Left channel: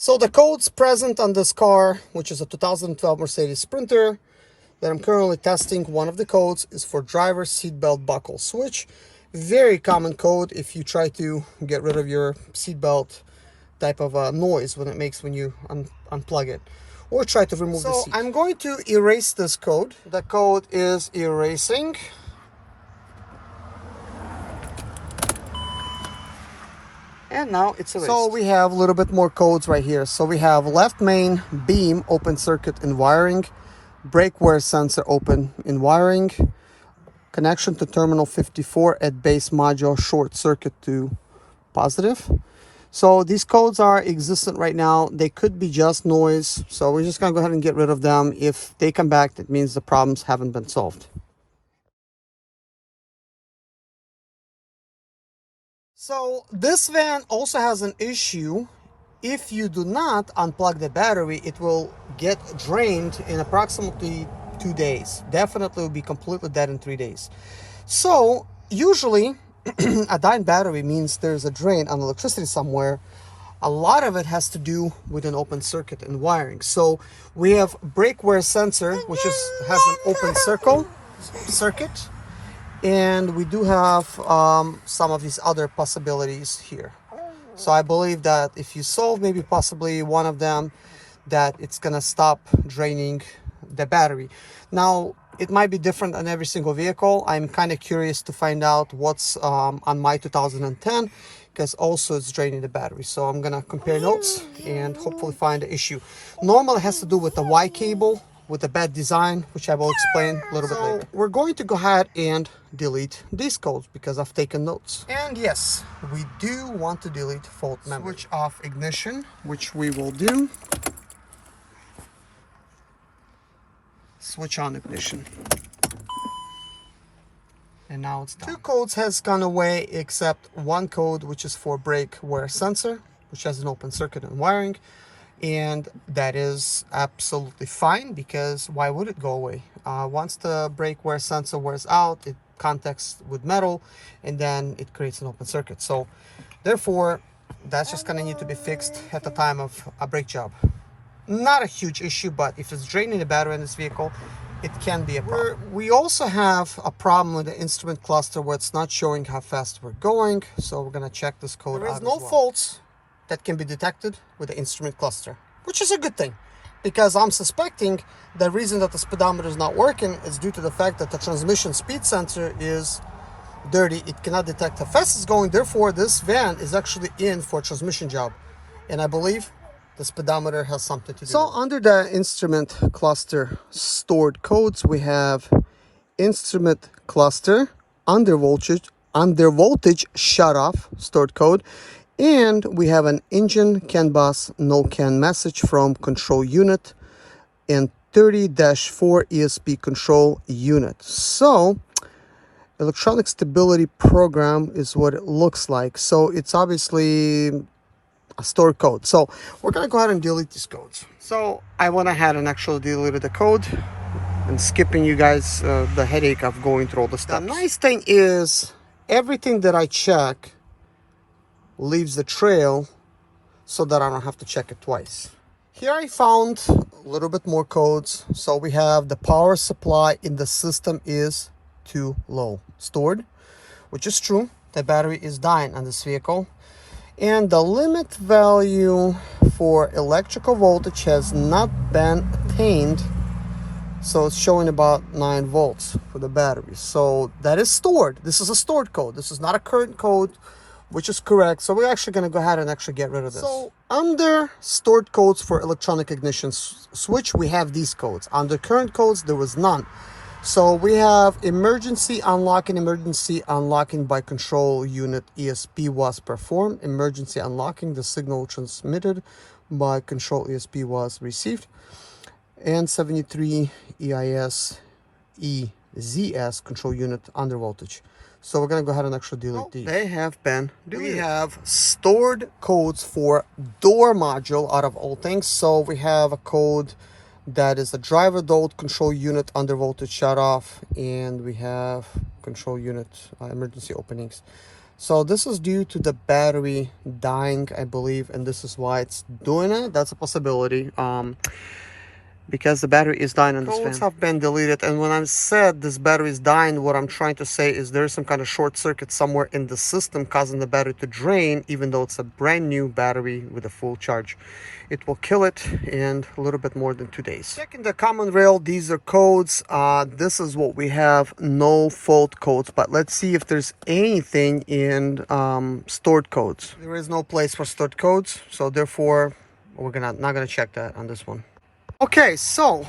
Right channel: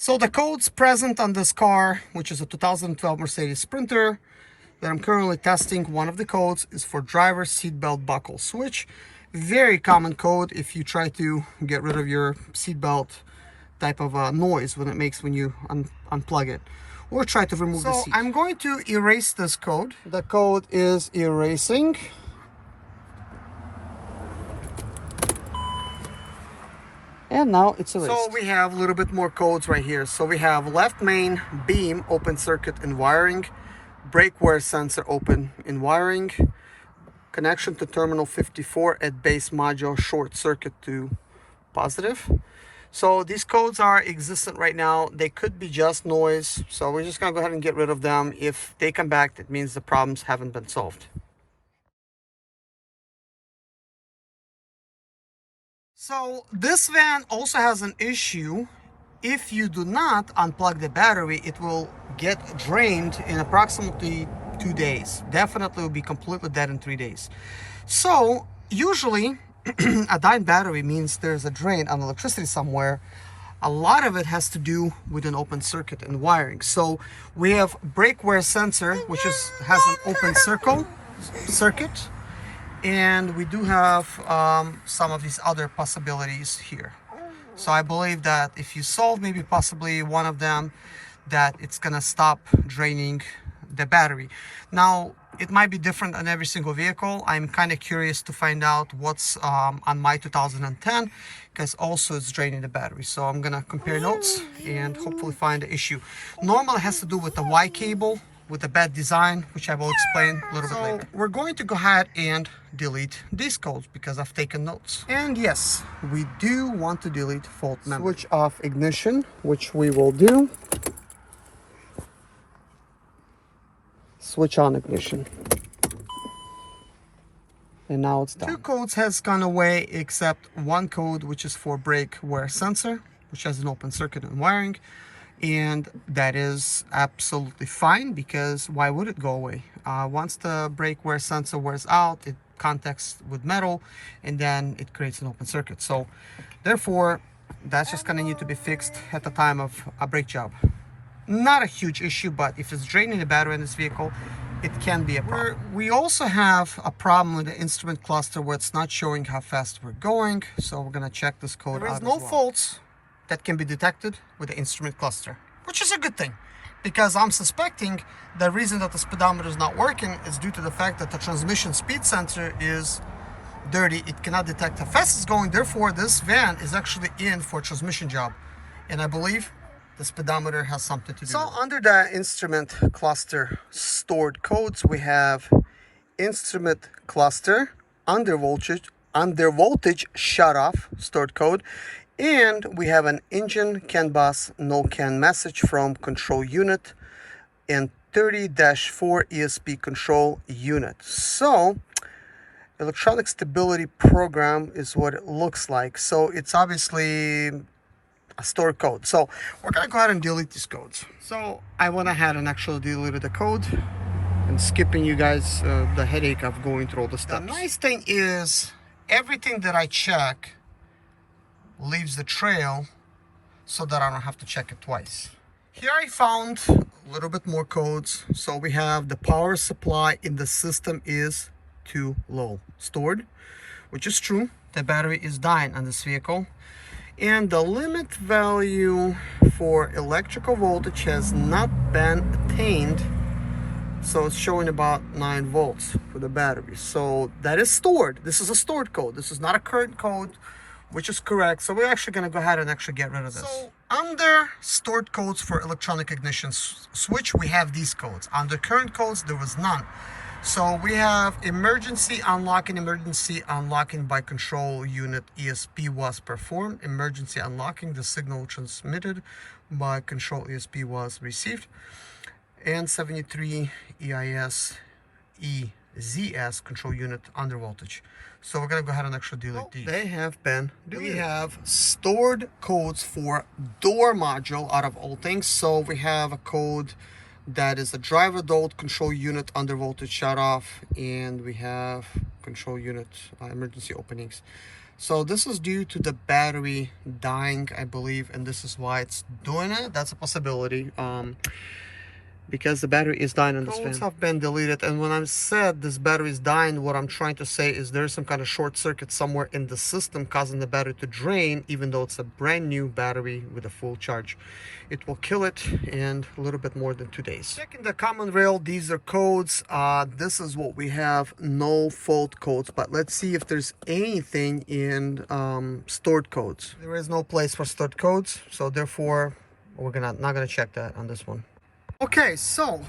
So the codes present on this car, which is a 2012 Mercedes Sprinter, that I'm currently testing, one of the codes is for driver seatbelt buckle switch. Very common code if you try to get rid of your seatbelt type of noise when it makes when you unplug it or try to remove the seat. I'm going to erase this code. The code is erasing. And now it's erased. So we have a little bit more codes right here. So we have left main beam open circuit in wiring, brake wear sensor open in wiring, connection to terminal 54 at base module short circuit to positive. So these codes are existent right now. They could be just noise. So we're just gonna go ahead and get rid of them. If they come back, that means the problems haven't been solved. So this van also has an issue. If you do not unplug the battery, it will get drained in approximately 2 days. Definitely will be completely dead in 3 days. So usually a dying battery means there's a drain on electricity somewhere. A lot of it has to do with an open circuit and wiring. So we have brake wear sensor, which has an open circuit. And we do have some of these other possibilities here. So I believe that if you solve maybe possibly one of them, that it's gonna stop draining the battery. Now, it might be different on every single vehicle. I'm kind of curious to find out what's on my 2010, because also it's draining the battery. So I'm gonna compare notes and hopefully find the issue. Normally it has to do with the Y cable, with the bad design, which I will explain a little bit later. We're going to go ahead and delete these codes because I've taken notes. And yes, we do want to delete fault memory. Switch off ignition, which we will do. Switch on ignition. And now it's done. 2 codes has gone away except one code, which is for brake wear sensor, which has an open circuit and wiring. And that is absolutely fine, because why would it go away? Once the brake wear sensor wears out, it contacts with metal and then it creates an open circuit. So therefore, that's just gonna need to be fixed at the time of a brake job. Not a huge issue, but if it's draining the battery in this vehicle, it can be a problem. We also have a problem with the instrument cluster where it's not showing how fast we're going. So we're gonna check this code out. There is no faults that can be detected with the instrument cluster, which is a good thing, because I'm suspecting the reason that the speedometer is not working is due to the fact that the transmission speed sensor is dirty. It cannot detect how fast it's going. Therefore, this van is actually in for a transmission job. And I believe the speedometer has something to do with it. So under the instrument cluster stored codes, we have instrument cluster, under voltage shut off stored code. And we have an engine CAN bus no CAN message from control unit and 30-4 ESP control unit. So electronic stability program is what it looks like. So it's obviously a stored code. So we're gonna go ahead and delete these codes. So I went ahead and actually deleted the code and skipping you guys the headache of going through all the steps. The nice thing is everything that I check leaves the trail so that I don't have to check it twice. Here I found a little bit more codes. So we have the power supply in the system is too low stored, which is true. The battery is dying on this vehicle. And the limit value for electrical voltage has not been attained. So it's showing about 9 volts for the battery. So that is stored. This is a stored code. This is not a current code, which is correct. So we're actually going to go ahead and actually get rid of this. So under stored codes for electronic ignition switch, we have these codes. Under current codes, there was none. So we have emergency unlocking by control unit ESP was performed. Emergency unlocking, the signal transmitted by control ESP was received. And 73 EIS EZS control unit under voltage. So we're gonna go ahead and actually delete these. They have been deleted. We have stored codes for door module out of all things. So we have a code that is a driver diode control unit under voltage shut off, and we have control unit emergency openings. So this is due to the battery dying, I believe, and this is why it's doing it. That's a possibility. Because the battery is dying on this fan. Codes have been deleted, and when I said this battery is dying, what I'm trying to say is there's some kind of short circuit somewhere in the system causing the battery to drain, even though it's a brand new battery with a full charge. It will kill it in a little bit more than 2 days. Checking the common rail, these are codes. This is what we have, no fault codes, but let's see if there's anything in stored codes. There is no place for stored codes, so therefore we're not gonna check that on this one. Okay, so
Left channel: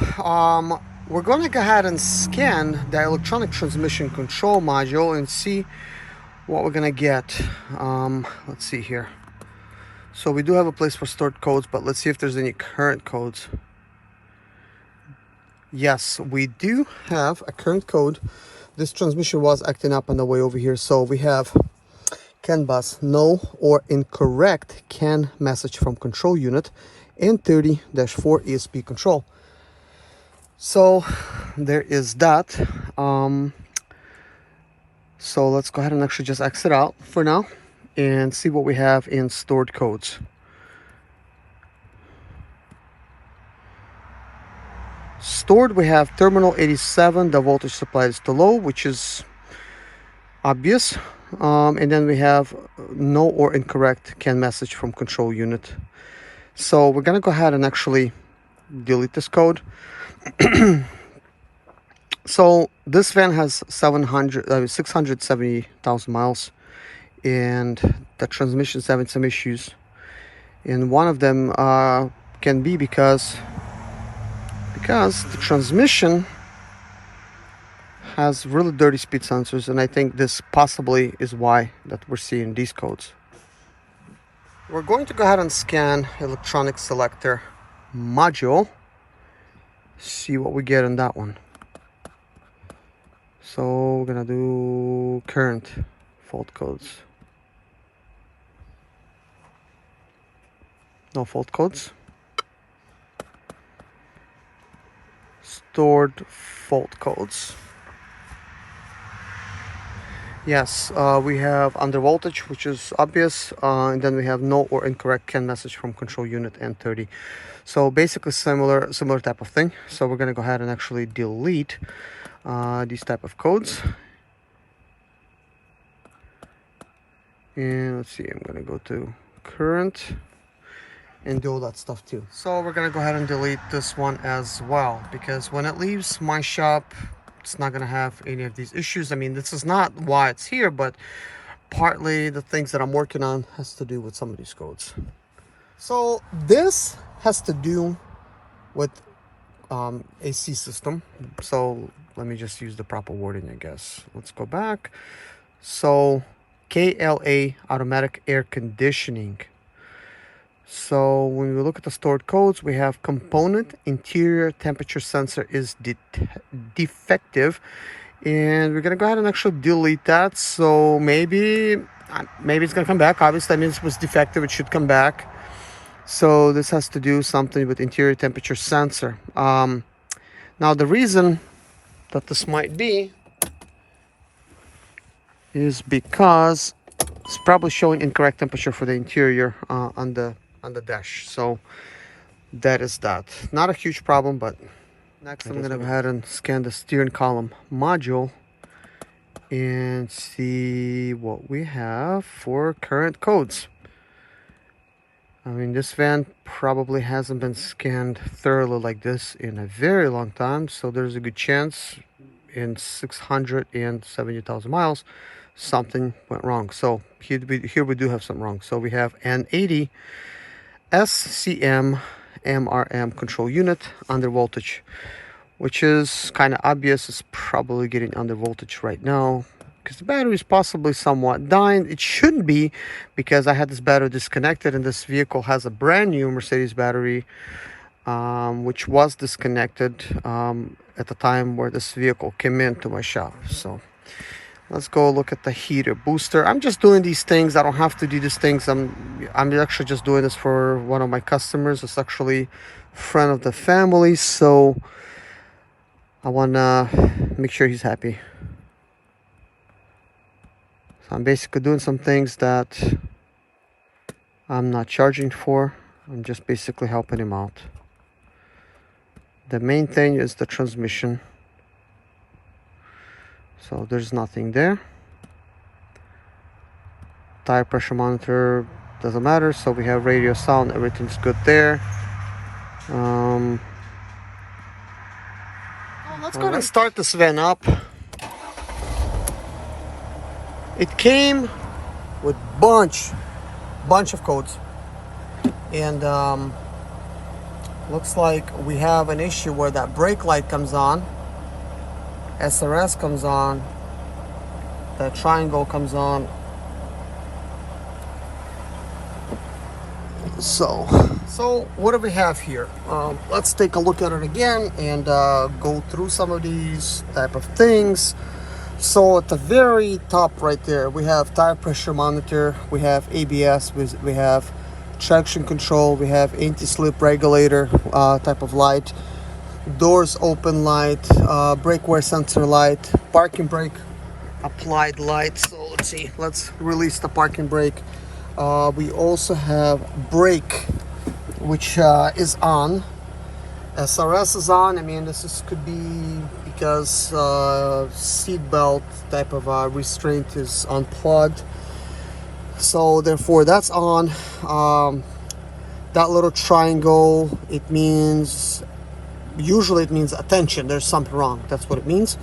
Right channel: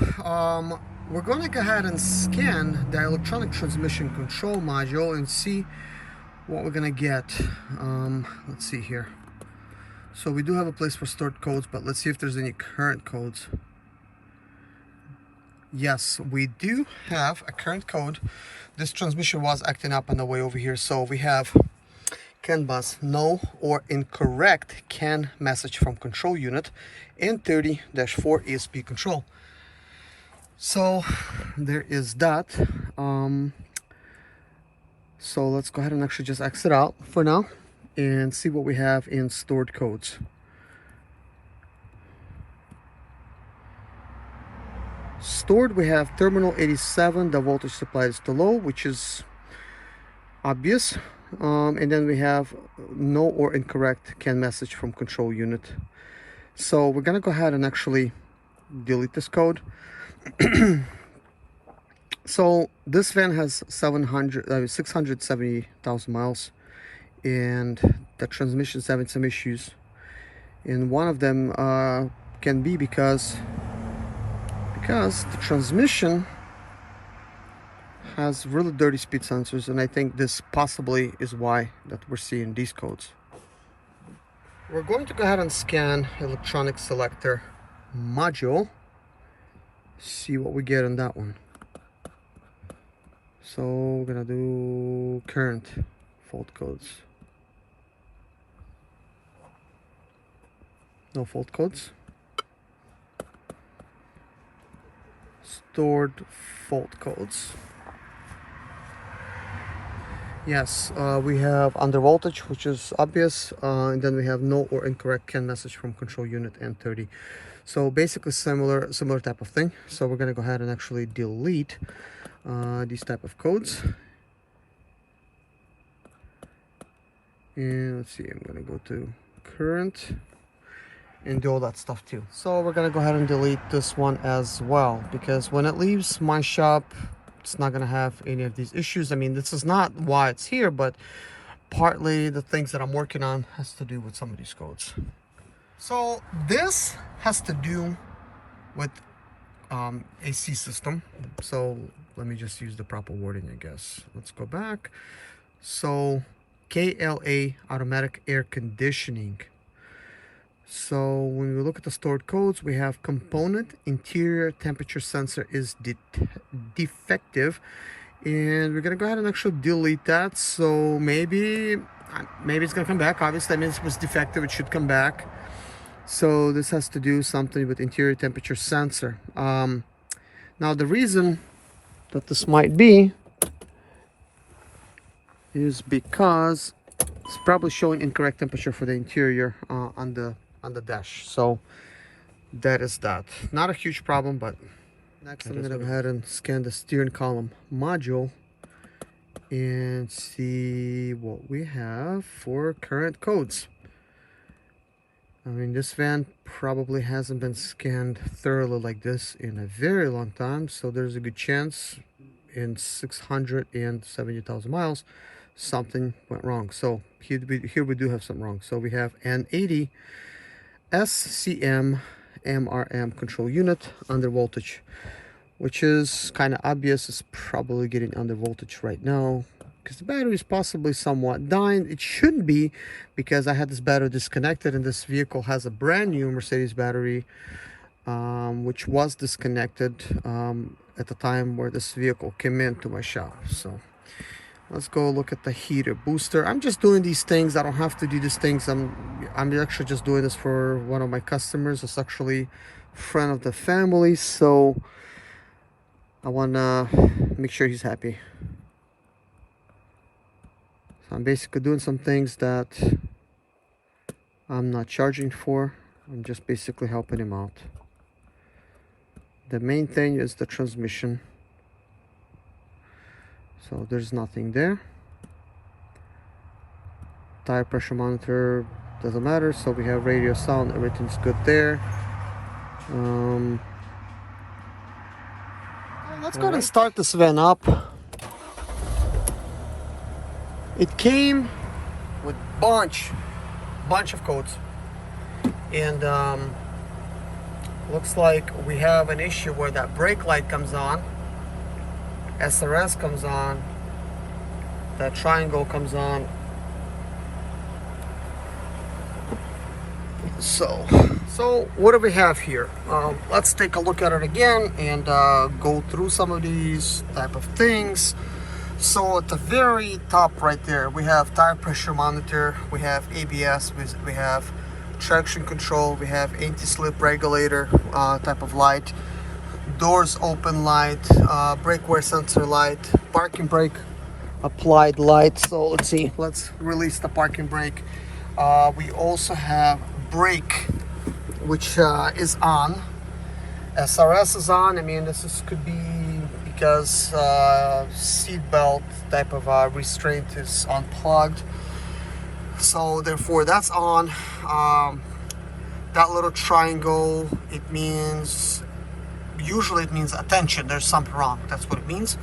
we're going to go ahead and scan the electronic transmission control module and see what we're going to get. Let's see here. So we do have a place for stored codes, but let's see if there's any current codes. Yes, we do have a current code. This transmission was acting up on the way over here. So we have CAN bus, no or incorrect CAN message from control unit, and 30-4 ESP control. So there is that. So let's go ahead and actually just exit out for now and see what we have in stored codes. Stored, we have terminal 87, the voltage supplied is to low, which is obvious. And then we have no or incorrect CAN message from control unit. So we're gonna go ahead and actually delete this code. So this van has 670,000 miles, and the transmission's having some issues. And one of them can be because the transmission has really dirty speed sensors, and I think this possibly is why that we're seeing these codes. We're going to go ahead and scan electronic selector module, see what we get in that one. So we're gonna do current fault codes. No fault codes. Stored fault codes. Yes, we have under voltage, which is obvious, and then we have no or incorrect CAN message from control unit and 30. So basically similar type of thing. So we're going to go ahead and actually delete these type of codes. And let's see, I'm going to go to current and do all that stuff too. So we're going to go ahead and delete this one as well, because when it leaves my shop, it's not going to have any of these issues. I mean, this is not why it's here, but partly the things that I'm working on has to do with some of these codes. So this has to do with AC system. So let me just use the proper wording, I guess. Let's go back. So KLA, automatic air conditioning. So when we look at the stored codes, we have component interior temperature sensor is defective, and we're gonna go ahead and actually delete that. So maybe it's gonna come back. Obviously, that means it was defective, it should come back. So this has to do something with interior temperature sensor. Now the reason that this might be is because it's probably showing incorrect temperature for the interior on the dash. So that is that. Not a huge problem, but next I'm gonna go ahead and scan the steering column module and see what we have for current codes. I mean, this van probably hasn't been scanned thoroughly like this in a very long time, so there's a good chance in 670,000 miles something went wrong. So here we do have something wrong. So we have an 80 SCM MRM control unit under voltage, which is kind of obvious. It's probably getting under voltage right now because the battery is possibly somewhat dying. It shouldn't be, because I had this battery disconnected, and this vehicle has a brand new Mercedes battery which was disconnected at the time where this vehicle came into my shop. So let's go look at the heater booster. I'm just doing these things. I don't have to do these things. I'm actually just doing this for one of my customers. It's actually a friend of the family, so I want to make sure he's happy. I'm basically doing some things that I'm not charging for. I'm just basically helping him out. The main thing is the transmission. So there's nothing there. Tire pressure monitor doesn't matter. So we have radio, sound, everything's good there. Well, let's go ahead and start this van up. It came with bunch of codes, and looks like we have an issue where that brake light comes on, SRS comes on, that triangle comes on. So what do we have here? Let's take a look at it again and go through some of these type of things. So at the very top right there, we have tire pressure monitor, we have ABS, we have traction control, we have anti-slip regulator type of light, doors open light, brake wear sensor light, parking brake applied light. So let's see, let's release the parking brake. We also have brake, which is on. SRS is on. I mean, could be because seat belt type of restraint is unplugged, so therefore that's on. That little triangle, usually it means attention, there's something wrong, that's what it means.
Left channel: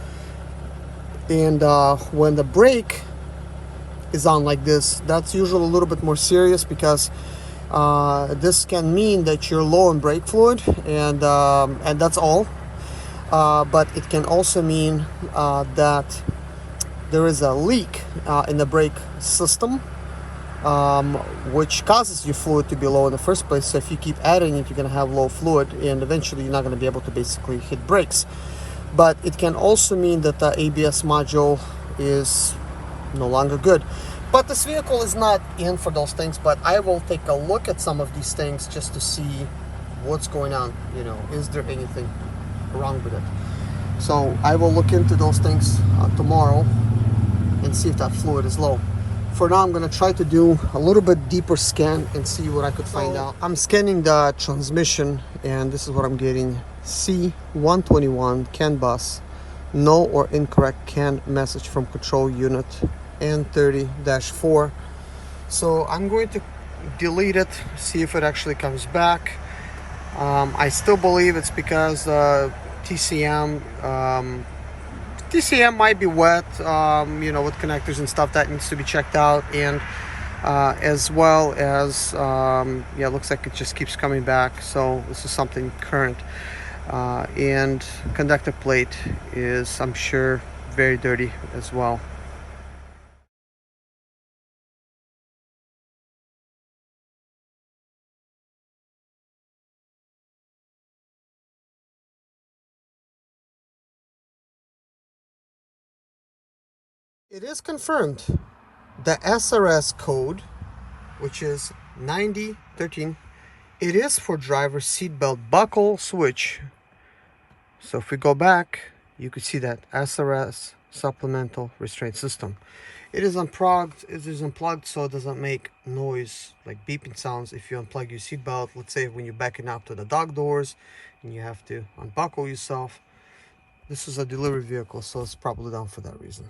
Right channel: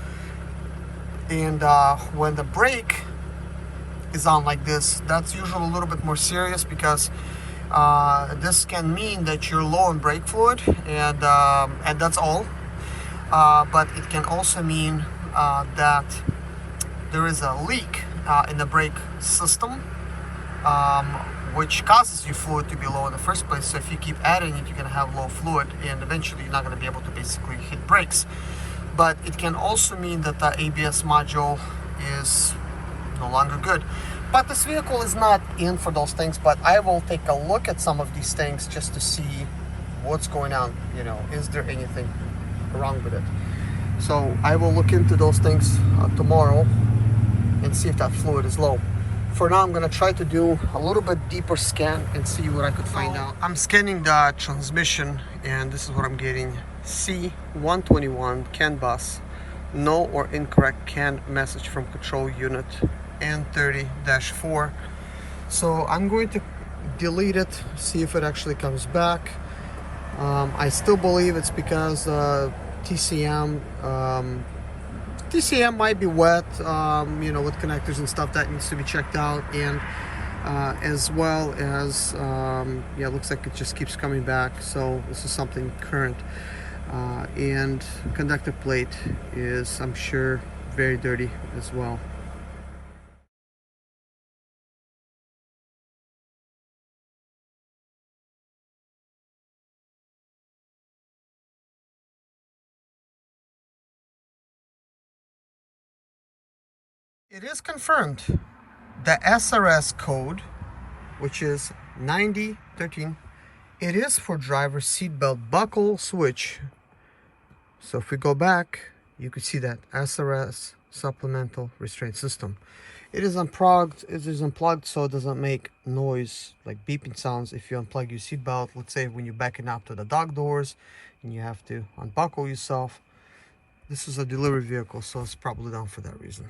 And when the brake is on like this, that's usually a little bit more serious, because this can mean that you're low on brake fluid, and that's all. But it can also mean that there is a leak in the brake system, which causes your fluid to be low in the first place. So if you keep adding it, you're going to have low fluid, and eventually you're not going to be able to basically hit brakes. But it can also mean that the ABS module is no longer good. But this vehicle is not in for those things, but I will take a look at some of these things just to see what's going on. You know, is there anything wrong with it? So I will look into those things tomorrow and see if that fluid is low. For now, I'm going to try to do a little bit deeper scan and see what I could find out. I'm scanning the transmission, and this is what I'm getting. C121 CAN bus, no or incorrect CAN message from control unit N30-4. So I'm going to delete it, see if it actually comes back. I still believe it's because TCM might be wet, you know, with connectors and stuff that needs to be checked out, and as well as yeah, it looks like it just keeps coming back. So this is something current, and conductor plate is, I'm sure, very dirty as well. It is confirmed. The SRS code, which is 9013, it is for driver seatbelt buckle switch. So if we go back, you could see that SRS supplemental restraint system. It is unplugged. It is unplugged, so it doesn't make noise like beeping sounds if you unplug your seatbelt. Let's say when you're backing up to the dock doors and you have to unbuckle yourself. This is a delivery vehicle, so it's probably down for that reason.